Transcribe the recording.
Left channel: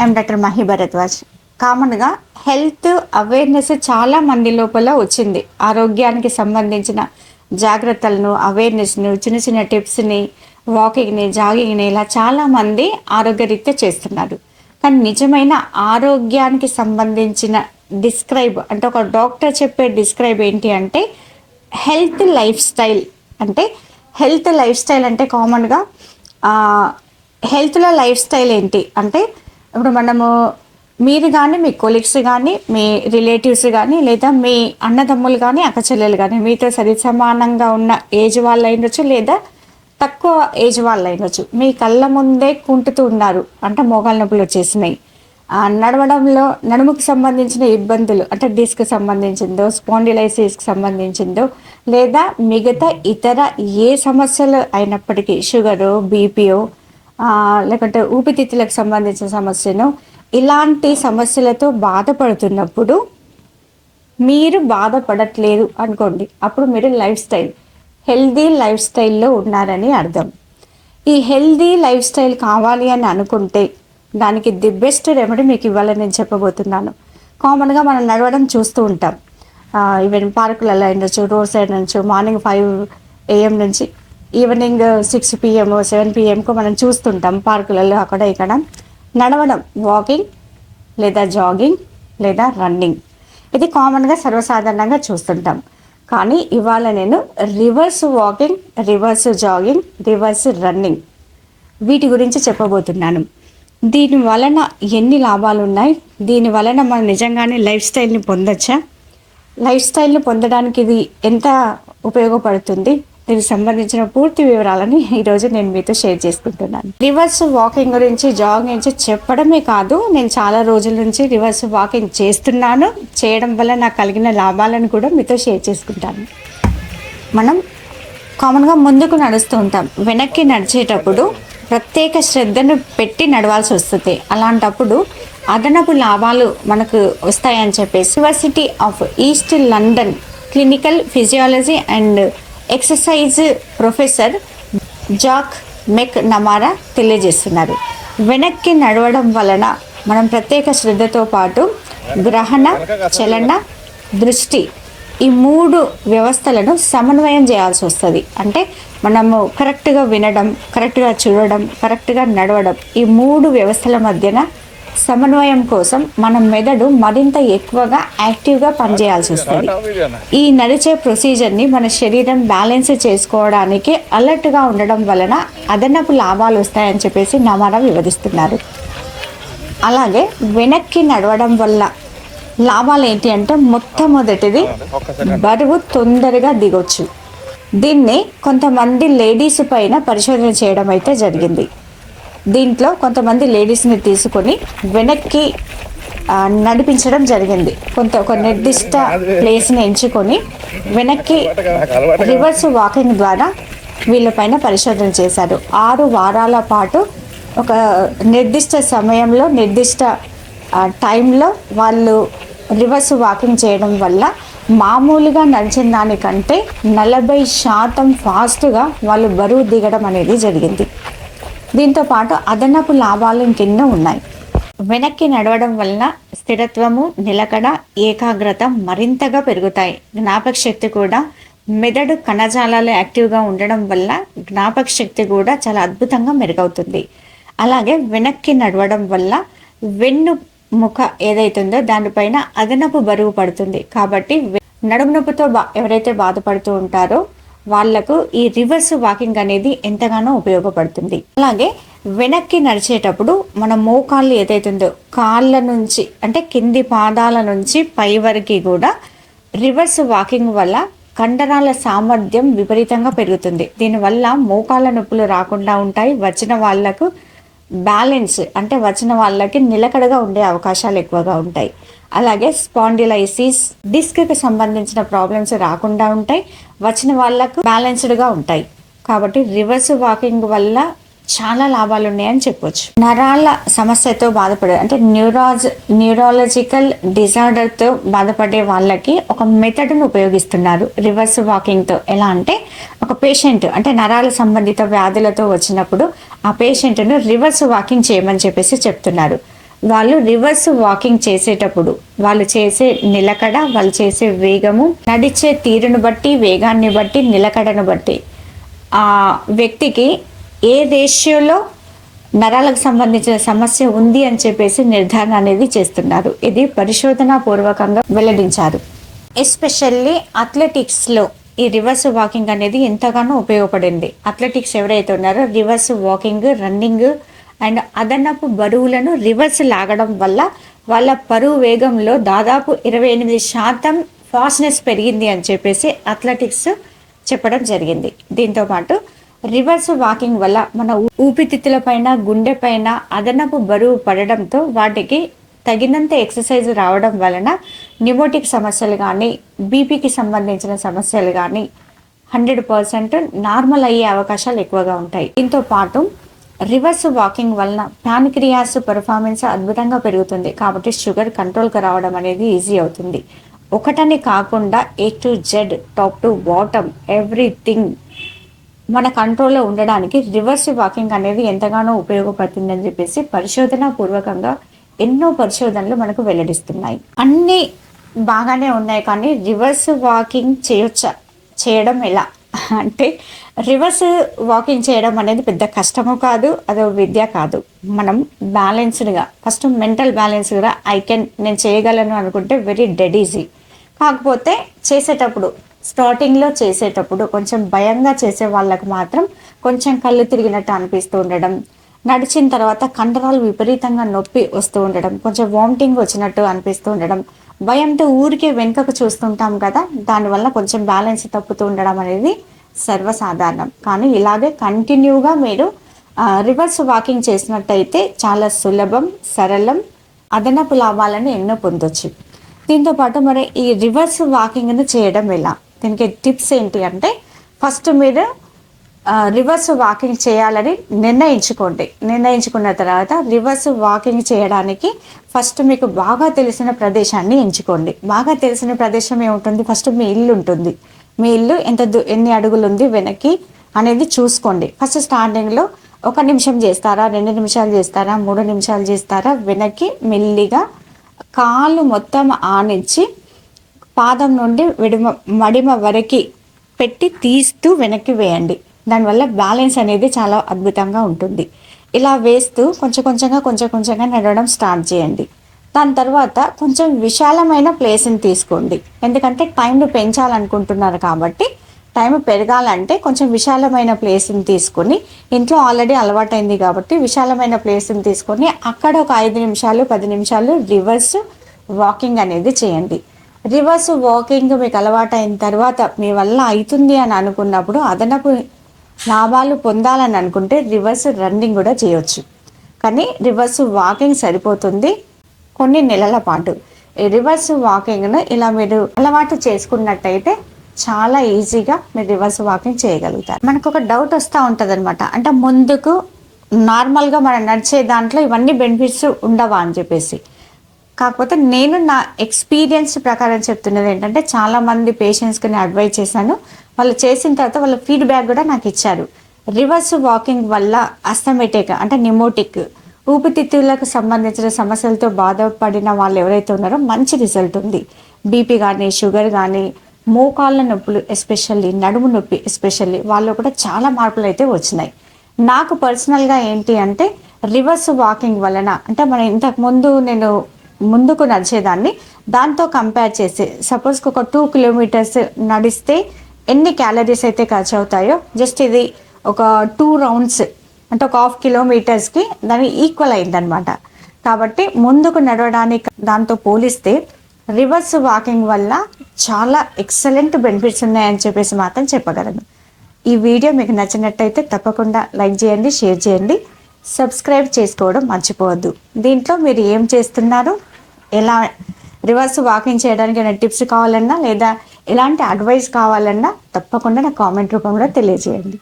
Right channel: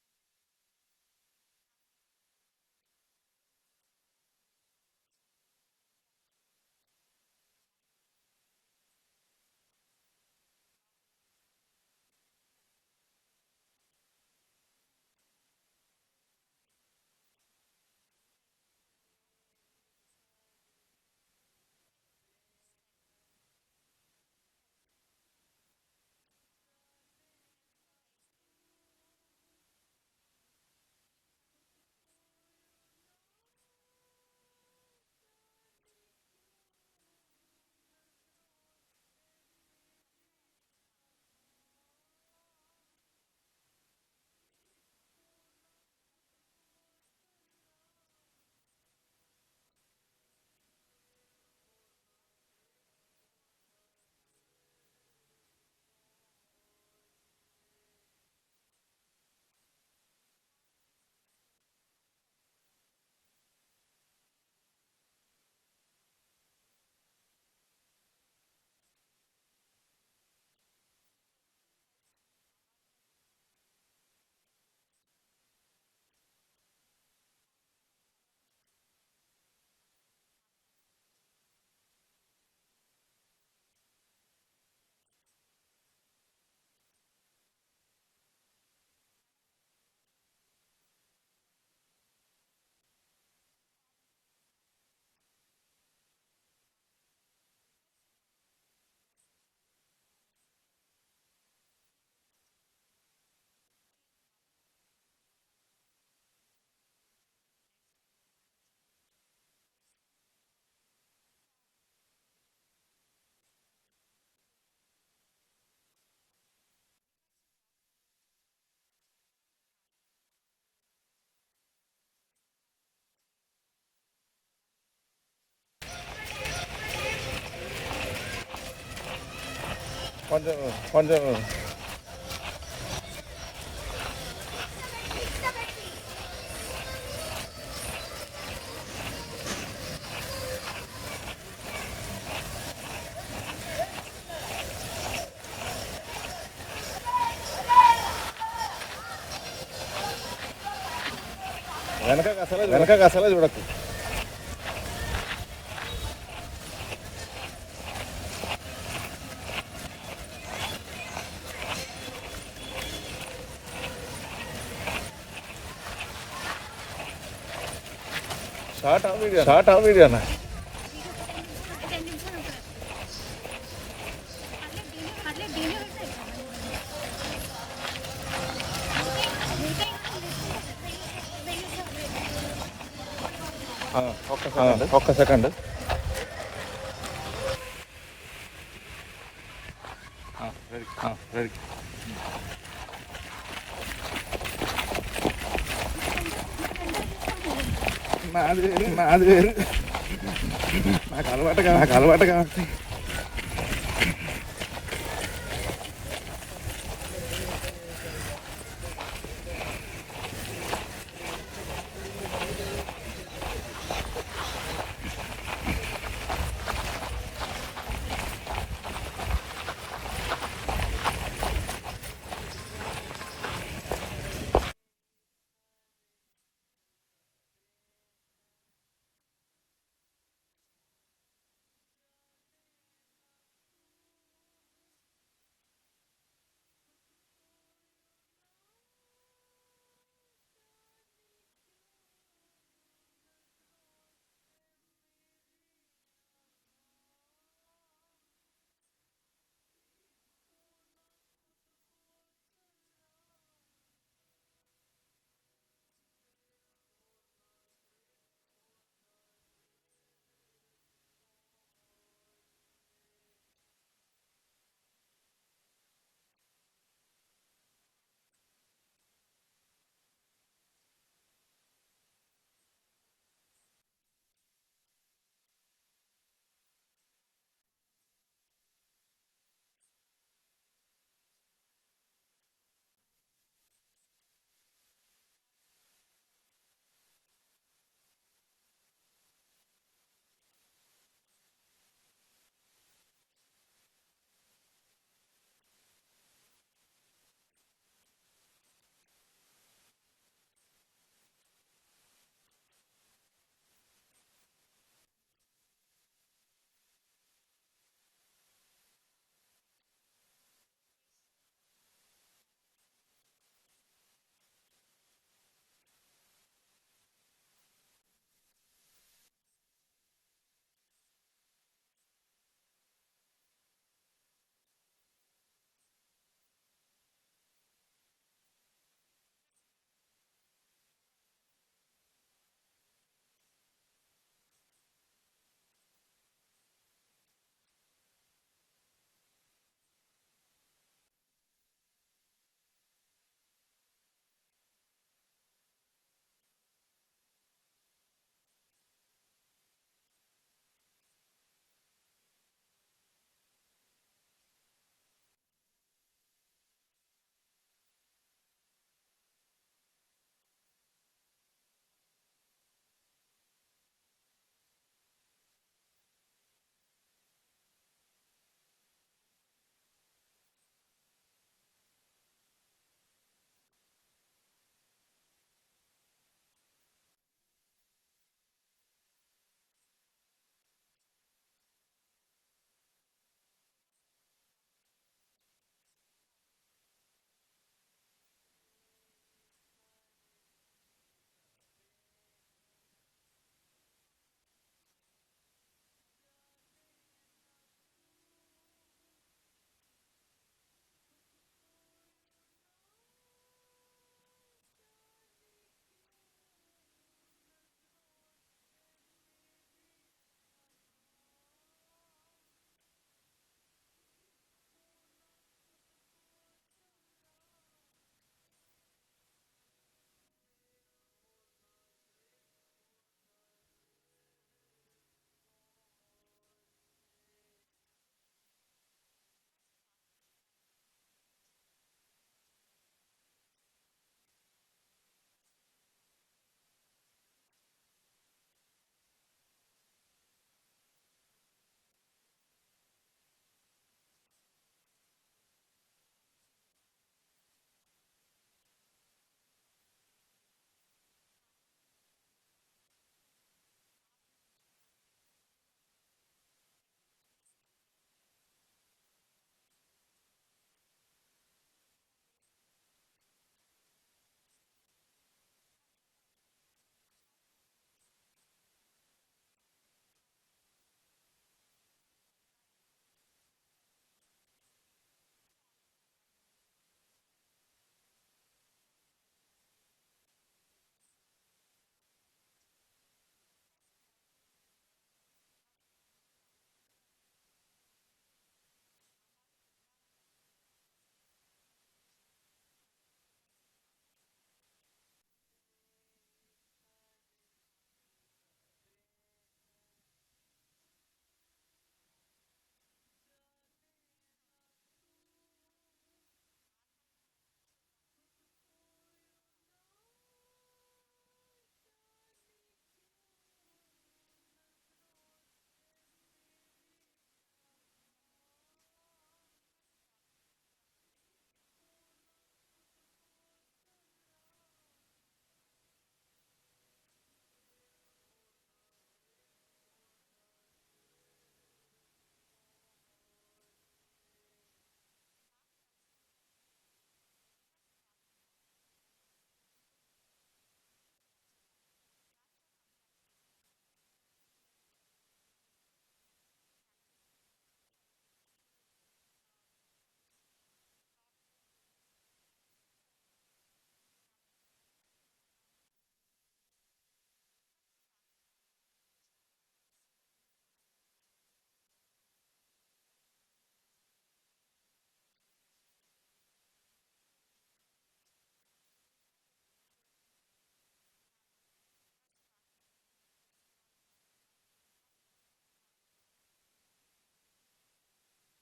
I'm doctor Mahi Bharadwaj. కామన్గా health awareness చాలా మంది లోపల వచ్చింది. ఆరోగ్యానికి సంబంధించిన జాగ్రత్తలను, అవేర్నెస్ను, చిన్న చిన్న టిప్స్ని, వాకింగ్ని, జాగింగ్ని ఇలా చాలామంది ఆరోగ్యరీత్యా చేస్తున్నారు. కానీ నిజమైన ఆరోగ్యానికి సంబంధించిన డిస్క్రైబ్ అంటే ఒక డాక్టర్ చెప్పే డిస్క్రైబ్ ఏంటి అంటే హెల్త్ లైఫ్ స్టైల్. అంటే హెల్త్ లైఫ్ స్టైల్ అంటే కామన్గా హెల్త్లో లైఫ్ స్టైల్ ఏంటి అంటే ఇప్పుడు మనము మీరు కానీ మీ కొలీగ్స్ కానీ మీ రిలేటివ్స్ కానీ లేదా మీ అన్నదమ్ములు కానీ అక్క చెల్లెలు కానీ మీతో సరి సమానంగా ఉన్న ఏజ్ వాళ్ళు అయినొచ్చు లేదా తక్కువ ఏజ్ వాళ్ళు అయినొచ్చు, మీ కళ్ళ ముందే కుంటుతూ ఉన్నారు అంటే మోకాళ్ళ నొప్పులు వచ్చేసినాయి, నడవడంలో నడుముకు సంబంధించిన ఇబ్బందులు అంటే డిస్క్ సంబంధించిందో స్పాండిలైసిస్కి సంబంధించిందో లేదా మిగతా ఇతర ఏ సమస్యలు అయినప్పటికీ షుగరు బీపీఓ లేకుంటే ఊపిరితిత్తులకు సంబంధించిన సమస్యను ఇలాంటి సమస్యలతో బాధపడుతున్నప్పుడు మీరు బాధపడట్లేదు అనుకోండి, అప్పుడు మీరు హెల్దీ లైఫ్ స్టైల్లో ఉన్నారని అర్థం. ఈ హెల్దీ లైఫ్ స్టైల్ కావాలి అని అనుకుంటే దానికి ది బెస్ట్ రెమెడీ మీకు ఇవ్వాలని నేను చెప్పబోతున్నాను. కామన్గా మనం నడవడం చూస్తూ ఉంటాం, ఈవెన్ పార్కులలో అయినచ్చు, రోడ్ సైడ్ నుంచి మార్నింగ్ 5 AM నుంచి ఈవినింగ్ 6 PM 7 PMకు మనం చూస్తుంటాం పార్కులలో అక్కడ ఇక్కడ నడవడం, వాకింగ్ లేదా జాగింగ్ లేదా రన్నింగ్. ఇది కామన్గా సర్వసాధారణంగా చూస్తుంటాం. కానీ ఇవాళ నేను reverse walking, reverse jogging, reverse running వీటి గురించి చెప్పబోతున్నాను. దీని వలన ఎన్ని లాభాలు ఉన్నాయి, దీని వలన మనం నిజంగానే లైఫ్ స్టైల్ని పొందొచ్చా, లైఫ్ స్టైల్ని పొందడానికి ఇది ఎంత ఉపయోగపడుతుంది, దీనికి సంబంధించిన పూర్తి వివరాలని ఈరోజు నేను మీతో షేర్ చేసుకుంటున్నాను. రివర్స్ వాకింగ్ గురించి, జాగింగ్ గురించి చెప్పడమే కాదు, నేను చాలా రోజుల నుంచి రివర్స్ వాకింగ్ చేస్తున్నాను, చేయడం వల్ల నాకు కలిగిన లాభాలను కూడా మీతో షేర్ చేసుకుంటాను. మనం కామన్గా ముందుకు నడుస్తూ ఉంటాం, వెనక్కి నడిచేటప్పుడు ప్రత్యేక శ్రద్ధను పెట్టి నడవాల్సి వస్తుంది. అలాంటప్పుడు అదనపు లాభాలు మనకు వస్తాయని చెప్పేసి university of east London clinical physiology and exercise professor Jack McNamara తెలియజేస్తున్నారు. వెనక్కి నడవడం వలన మనం ప్రత్యేక శ్రద్ధతో పాటు గ్రహణ, చలన, దృష్టి ఈ 3 వ్యవస్థలను సమన్వయం చేయాల్సి వస్తుంది. అంటే మనము కరెక్ట్గా వినడం, కరెక్ట్గా చూడడం, కరెక్ట్గా నడవడం ఈ 3 వ్యవస్థల మధ్యన సమన్వయం కోసం మన మెదడు మరింత ఎక్కువగా యాక్టివ్గా పనిచేయాల్సి వస్తుంది. ఈ నడిచే ప్రొసీజర్ని మన శరీరం బ్యాలెన్స్ చేసుకోవడానికి అలర్ట్గా ఉండడం వలన అదనపు లాభాలు వస్తాయని చెప్పేసి నమారా వివరిస్తున్నారు. అలాగే వెనక్కి నడవడం వల్ల లాభాలు ఏంటి అంటే మొట్టమొదటిది బరువు తొందరగా దిగొచ్చు. దీన్ని కొంతమంది లేడీస్ పైన పరిశోధన చేయడం అయితే జరిగింది. దీంట్లో కొంతమంది లేడీస్ని తీసుకొని వెనక్కి నడిపించడం జరిగింది. ఒక నిర్దిష్ట ప్లేస్ని ఎంచుకొని వెనక్కి రివర్స్ వాకింగ్ ద్వారా వీళ్ళపైన పరిశోధన చేశారు. 6 వారాల పాటు ఒక నిర్దిష్ట సమయంలో నిర్దిష్ట టైంలో వాళ్ళు రివర్స్ వాకింగ్ చేయడం వల్ల మామూలుగా నడిచిన దానికంటే 40% ఫాస్ట్గా వాళ్ళు బరువు దిగడం అనేది జరిగింది. దీంతోపాటు అదనపు లాభాలు ఇంకెన్నో ఉన్నాయి. వెనక్కి నడవడం వలన స్థిరత్వము, నిలకడ, ఏకాగ్రత మరింతగా పెరుగుతాయి. జ్ఞాపక శక్తి కూడా, మెదడు కణజాలాలు యాక్టివ్గా ఉండడం వల్ల జ్ఞాపక శక్తి కూడా చాలా అద్భుతంగా మెరుగవుతుంది. అలాగే వెనక్కి నడవడం వల్ల వెన్నుముక ఏదైతుందో దానిపైన అదనపు బరువు పడుతుంది. కాబట్టి నడుము నొప్పితో ఎవరైతే బాధపడుతూ ఉంటారో వాళ్లకు ఈ రివర్స్ వాకింగ్ అనేది ఎంతగానో ఉపయోగపడుతుంది. అలాగే వెనక్కి నడిచేటప్పుడు మన మోకాళ్ళు ఏదైతుందో కాళ్ళ నుంచి అంటే కింది పాదాల నుంచి పై వరకు కూడా రివర్స్ వాకింగ్ వల్ల కండరాల సామర్థ్యం విపరీతంగా పెరుగుతుంది. దీనివల్ల మోకాళ్ళ నొప్పులు రాకుండా ఉంటాయి. వచ్చిన వాళ్ళకి నిలకడగా ఉండే అవకాశాలు ఎక్కువగా ఉంటాయి. అలాగే స్పాండిలైసిస్, డిస్క్కి సంబంధించిన ప్రాబ్లమ్స్ రాకుండా ఉంటాయి. వచ్చిన వాళ్ళకు బ్యాలెన్స్డ్గా ఉంటాయి. కాబట్టి రివర్స్ వాకింగ్ వల్ల చాలా లాభాలు ఉన్నాయని చెప్పొచ్చు. నరాల సమస్యతో బాధపడే అంటే న్యూరాలజికల్ డిజార్డర్తో బాధపడే వాళ్ళకి ఒక మెథడ్ను ఉపయోగిస్తున్నారు రివర్స్ వాకింగ్తో. ఎలా అంటే ఒక పేషెంట్ అంటే నరాల సంబంధిత వ్యాధులతో వచ్చినప్పుడు ఆ పేషెంట్ను రివర్స్ వాకింగ్ చేయమని చెప్పేసి చెప్తున్నారు. వాళ్ళు రివర్స్ వాకింగ్ చేసేటప్పుడు వాళ్ళు చేసే నిలకడ, వాళ్ళు చేసే వేగము, నడిచే తీరును బట్టి, వేగాన్ని బట్టి, నిలకడను బట్టి ఆ వ్యక్తికి ఏ రేషియోలో నరాలకు సంబంధించిన సమస్య ఉంది అని చెప్పేసి నిర్ధారణ అనేది చేస్తున్నారు. ఇది పరిశోధనా పూర్వకంగా వెల్లడించారు. ఎస్పెషల్లీ అథ్లెటిక్స్లో ఈ రివర్స్ వాకింగ్ అనేది ఎంతగానో ఉపయోగపడింది. అథ్లెటిక్స్ ఎవరైతే ఉన్నారో రివర్స్ వాకింగ్, రన్నింగ్ అండ్ అదనపు బరువులను రివర్స్ లాగడం వల్ల వాళ్ళ పరువు వేగంలో దాదాపు 28% ఫాస్ట్నెస్ పెరిగింది అని చెప్పేసి అథ్లెటిక్స్ చెప్పడం జరిగింది. దీంతోపాటు రివర్స్ వాకింగ్ వల్ల మన ఊపిరితిత్తుల పైన, గుండె పైన అదనపు బరువు పడడంతో వాటికి తగినంత ఎక్సర్సైజ్ రావడం వలన న్యూమోటిక్ సమస్యలు కానీ, బీపీకి సంబంధించిన సమస్యలు కానీ 100% నార్మల్ అయ్యే అవకాశాలు ఎక్కువగా ఉంటాయి. దీంతో పాటు రివర్స్ వాకింగ్ వలన ప్యాన్క్రియాస్ పెర్ఫార్మెన్స్ అద్భుతంగా పెరుగుతుంది. కాబట్టి షుగర్ కంట్రోల్కి రావడం అనేది ఈజీ అవుతుంది. ఒకటని కాకుండా A to Z, top to bottom everything మన కంట్రోల్లో ఉండడానికి రివర్స్ వాకింగ్ అనేది ఎంతగానో ఉపయోగపడుతుందని చెప్పేసి పరిశోధన పూర్వకంగా ఎన్నో పరిశోధనలు మనకు వెల్లడిస్తున్నాయి. అన్నీ బాగానే ఉన్నాయి, కానీ రివర్స్ వాకింగ్ చేయడం ఎలా అంటే రివర్స్ వాకింగ్ చేయడం అనేది పెద్ద కష్టము కాదు, అదో విద్య కాదు. మనం బ్యాలెన్స్డ్గా ఫస్ట్ మెంటల్ బ్యాలెన్స్గా నేను చేయగలను అనుకుంటే వెరీ డెడ్ ఈజీ. కాకపోతే స్టార్టింగ్లో చేసేటప్పుడు కొంచెం భయంగా చేసే వాళ్ళకు మాత్రం కొంచెం కళ్ళు తిరిగినట్టు అనిపిస్తూ ఉండడం, నడిచిన తర్వాత కండరాలు విపరీతంగా నొప్పి వస్తూ ఉండడం, కొంచెం వామిటింగ్ వచ్చినట్టు అనిపిస్తూ ఉండడం, భయంతో ఊరికే వెనుకకు చూస్తుంటాం కదా, దానివల్ల కొంచెం బ్యాలెన్స్ తప్పుతూ ఉండడం అనేది సర్వసాధారణం. కానీ ఇలాగే కంటిన్యూగా మీరు రివర్స్ వాకింగ్ చేసినట్టయితే చాలా సులభం, సరళం, అదనపు లాభాలను ఎన్నో పొందొచ్చు. దీంతోపాటు మరి ఈ రివర్స్ వాకింగ్ను చేయడం ఎలా, దీనికి టిప్స్ ఏంటి అంటే ఫస్ట్ మీరు రివర్స్ వాకింగ్ చేయాలని నిర్ణయించుకున్న తర్వాత రివర్స్ వాకింగ్ చేయడానికి ఫస్ట్ మీకు బాగా తెలిసిన ప్రదేశాన్ని ఎంచుకోండి. బాగా తెలిసిన ప్రదేశం ఏముంటుంది, ఫస్ట్ మీ ఇల్లు ఉంటుంది. మీ ఇల్లు ఎన్ని అడుగులు ఉంది వెనక్కి అనేది చూసుకోండి. ఫస్ట్ స్టార్టింగ్లో 1 నిమిషం చేస్తారా, 2 నిమిషాలు చేస్తారా, 3 నిమిషాలు చేస్తారా, వెనక్కి మెల్లిగా కాలు మొత్తం ఆనించి పాదం నుండి మడిమ వరకు పెట్టి తీస్తూ వెనక్కి వేయండి. దానివల్ల బ్యాలెన్స్ అనేది చాలా అద్భుతంగా ఉంటుంది. ఇలా వేస్తూ కొంచెం కొంచెంగా నడవడం స్టార్ట్ చేయండి. దాని తర్వాత కొంచెం విశాలమైన ప్లేస్ని తీసుకోండి. ఎందుకంటే టైంను పెంచాలనుకుంటున్నారు కాబట్టి టైం పెరగాలంటే కొంచెం విశాలమైన ప్లేస్ని తీసుకొని, ఇంట్లో ఆల్రెడీ అలవాటైంది కాబట్టి విశాలమైన ప్లేస్ని తీసుకొని అక్కడ ఒక 5 నిమిషాలు 10 నిమిషాలు రివర్స్ వాకింగ్ అనేది చేయండి. రివర్స్ వాకింగ్ మీకు అలవాటైన తర్వాత మీ వల్ల అవుతుంది అని అనుకున్నప్పుడు అదనపు లాభాలు పొందాలని అనుకుంటే రివర్స్ రన్నింగ్ కూడా చేయొచ్చు. కానీ రివర్స్ వాకింగ్ సరిపోతుంది కొన్ని నెలల పాటు. ఈ రివర్స్ వాకింగ్ను ఇలా మీరు అలవాటు చేసుకున్నట్టయితే చాలా ఈజీగా మీరు రివర్స్ వాకింగ్ చేయగలుగుతారు. మనకు ఒక డౌట్ వస్తూ ఉంటుంది అనమాట, అంటే ముందుకు నార్మల్గా మనం నడిచే దాంట్లో ఇవన్నీ బెనిఫిట్స్ ఉండవా అని చెప్పేసి. కాకపోతే నేను నా ఎక్స్పీరియన్స్ ప్రకారం చెప్తున్నది ఏంటంటే చాలామంది పేషెంట్స్కి నేను అడ్వైజ్ చేశాను. వాళ్ళు చేసిన తర్వాత వాళ్ళ ఫీడ్బ్యాక్ కూడా నాకు ఇచ్చారు. రివర్స్ వాకింగ్ వల్ల అస్థమెటిక్ అంటే న్యూమోటిక్ ఊపిరితిత్తులకు సంబంధించిన సమస్యలతో బాధపడిన వాళ్ళు ఎవరైతే ఉన్నారో మంచి రిజల్ట్ ఉంది. బీపీ కానీ, షుగర్ కానీ, మోకాళ్ళ నొప్పులు ఎస్పెషల్లీ, నడుము నొప్పి ఎస్పెషల్లీ వాళ్ళు కూడా చాలా మార్పులు అయితే వచ్చినాయి. నాకు పర్సనల్గా ఏంటి అంటే రివర్స్ వాకింగ్ వలన అంటే మనం ఇంతకుముందు నేను ముందుకు నడిచేదాన్ని దాంతో కంపేర్ చేసి సపోజ్కి ఒక 2 కిలోమీటర్స్ నడిస్తే ఎన్ని క్యాలరీస్ అయితే ఖర్చు అవుతాయో జస్ట్ ఇది ఒక 2 రౌండ్స్ అంటే ఒక 1/2 కిలోమీటర్స్కి దాన్ని ఈక్వల్ అయిందనమాట. కాబట్టి ముందుకు నడవడానికి దాంతో పోలిస్తే రివర్స్ వాకింగ్ వల్ల చాలా ఎక్సలెంట్ బెనిఫిట్స్ ఉన్నాయని చెప్పేసి మాత్రం చెప్పగలను. ఈ వీడియో మీకు నచ్చినట్టయితే తప్పకుండా లైక్ చేయండి, షేర్ చేయండి, సబ్స్క్రైబ్ చేసుకోవడం మర్చిపోవద్దు. దీంట్లో మీరు ఏం చేస్తున్నారు, ఎలా రివర్స్ వాకింగ్ చేయడానికి ఏమైనా టిప్స్ కావాలన్నా లేదా ఎలాంటి అడ్వైస్ కావాలన్నా తప్పకుండా నా కామెంట్ రూపంలో తెలియజేయండి.